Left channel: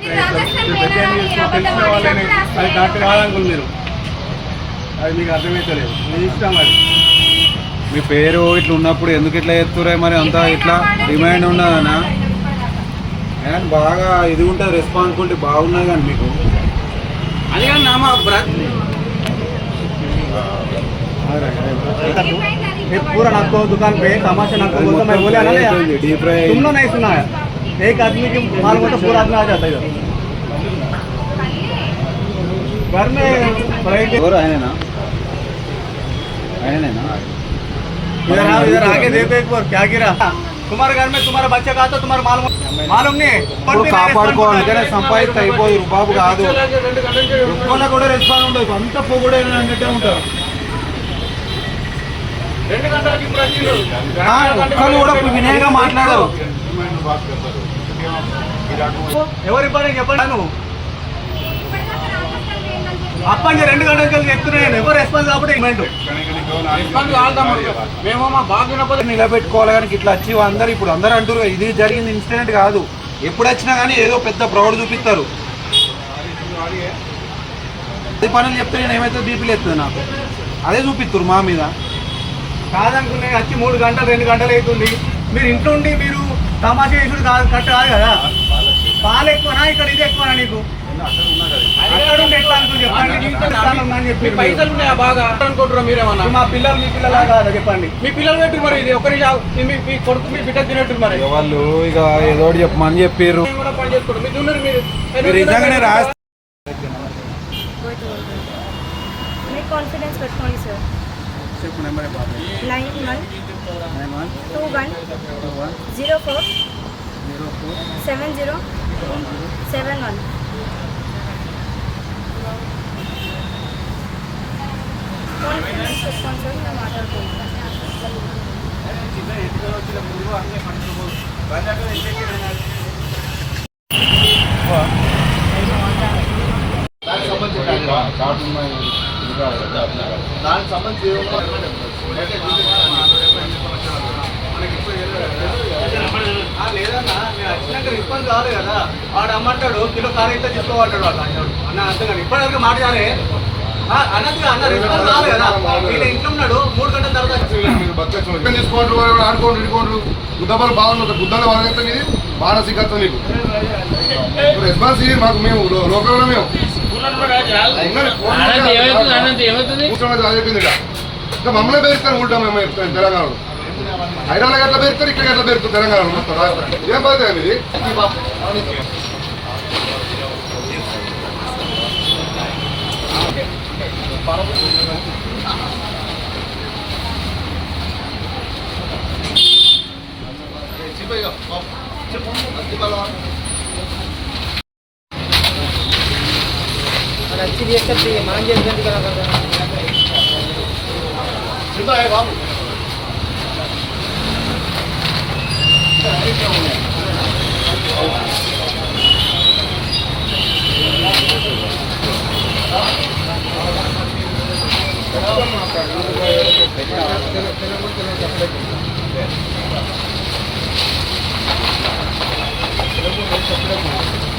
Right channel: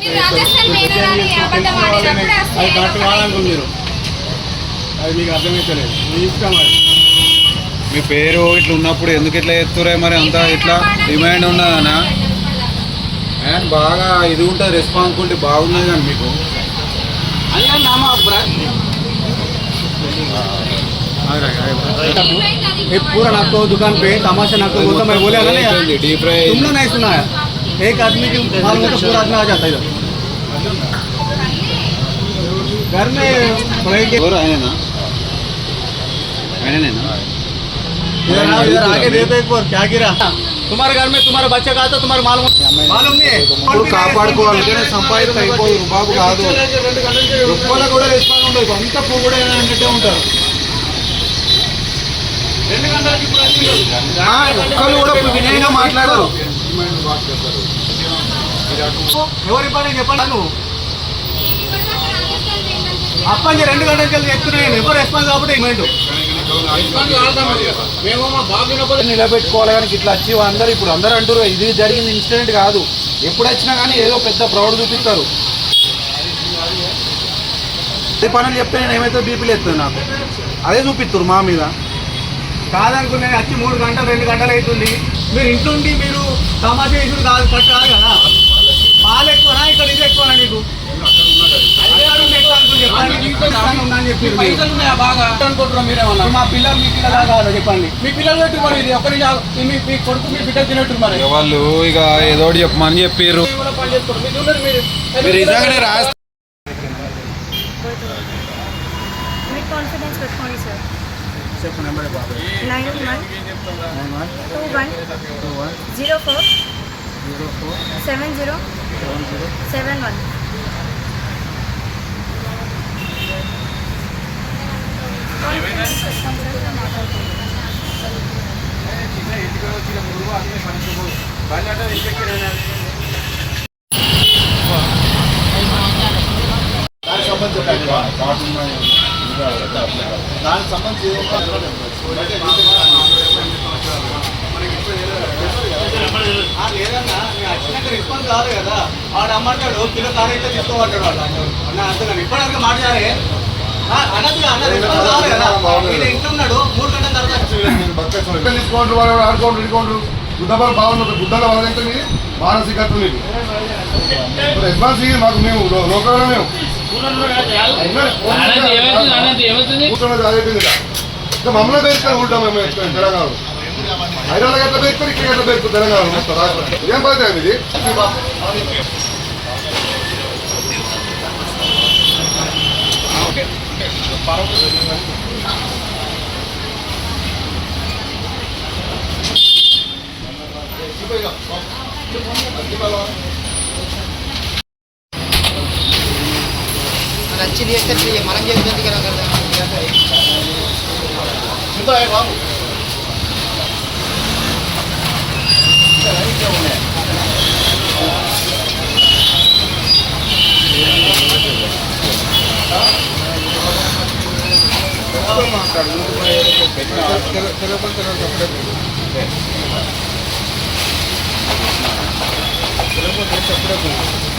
తెలిసిన వాళ్ళని అది కరెక్ట్ కావాలనుకుని మీరు అది మీకు అర్థమవుతలేదు మీ ఇష్టం అది. మీ పేరు ఇట్లా ఉన్నప్పుడు ఎందుకు ఇట్లా చెప్తురే మరి అంతా ఇట్లా డిమాండ్ ఉన్నదన్నా అండ్ బాగా ఇది ఉంటుంది రెస్పాన్సిబిలిటీ బాగున్నది కానీ మీకు అయ్యా నామా पूरा आपको दुकान पे तमाशा ना करो तो मैं बोले ना डीप फ्राई तुमने नहीं सुना है एक आदमी की मालूम होता पूरा आदमी आ जाता है घर में और है ना इधर आगे देखो एक बार क्या गिरा तुम्हारे घर में तुम्हारा बच्चा का तो तुम्हारा मालूम नहीं है కాపాడుకోవాలి సంపాదిస్తే అయిపోదు బాబు కాదు ఎక్కువ కూడా రెస్పాన్స్ ఉండదు అంత కూడా అన్నట్టే ఉంటారు వినయంగా మాట్లాడారు ఎవరి పని చెప్పండి నువ్వు అప్పటి 2 గంటలకి వెళ్ళి చెప్తున్నాను ఎవరు రెస్పాన్స్ కాబట్టి ఇవ్వండి రెస్పాన్స్ కావాలమ్మా మేము మా బాగా నిలబెట్టుకోవాలి కానీ ఇట్లా వచ్చి అందరు ఇప్పుడు అందరూ అంటారు ఇది జరిగిన ఇన్సిడెంట్ కాదు ఎప్పుడు వచ్చినా కానీ ఏదో పెద్ద ప్రౌడ్ చూపిస్తారు అదే పనులు చెప్తే నేను ఏమైతే బీపీలు ఎత్తుంది నాకు అదే చూపిస్తారు మా మీద కాదనుకునే వచ్చి 3 గంటలు 2 గంటలు అవుతుంది మీరు ఇంట్లో ఉండి మీరు తమాషా చేసుడు కాదు కరెక్ట్ కాదు కదా పాలు ఎక్కువనా ఇక్కడ ఇది ఎక్కువనా నీకు పైసలు ఉన్నాయా బాగా అనుకుంటున్నాం మీరేమన్నా మా పిల్లలు మీ పిల్లలా కాదు చెప్పండి మీ పిల్లలు పెట్టి మరి ఇది ఒకరి మీ కొడుకు మీ బిడ్డ తినట్టు మరి వాళ్ళు ఇక ఏదో చెప్పమని చెప్పారు పని చేసుకోండి మీరు ఉన్నారు మీరు నిజంగానే రాస్తే కాన్ఫిడెన్స్ పెట్టుకోండి సార్ 9921047071 దానికి సంబంధించి లేదన్నా వచ్చినాక రెస్పాన్స్ కాదు కదా వాడు అమ్మంటాడు కిలో కారు అయితే తీసుకోమంటాడు వాళ్ళు అన్న అంతేగాని ఇప్పటివరకు మాట్లాడే అన్నట్టుగా అన్న రెస్పాన్స్ కాదు కదా నేను ఇంట్లో ఉన్నాడు 3 గంటల తర్వాత తీసుకోండి వాడు ఆడుకోండి ఇడుకోండి గుద్దబాలు బాగుంది గుద్దలో వాళ్ళంతా మీది మానసికత్వం నీకు రెస్పాన్స్ ఇది మాకు మేము లోకల్లో మేము మమ్మల్ని పేరుకొని ఉంటాం మేము తెలంగాణలో హైదరాబాద్ గట్ల పేరుకొని ఇక్కడ గట్ల పేరుకు తెలంగాణలో మొత్తం రాష్ట్రం ఏం పడుతుంది ఇది अच्छी देर तक मान जल्दी क्या బాబు తెలుగు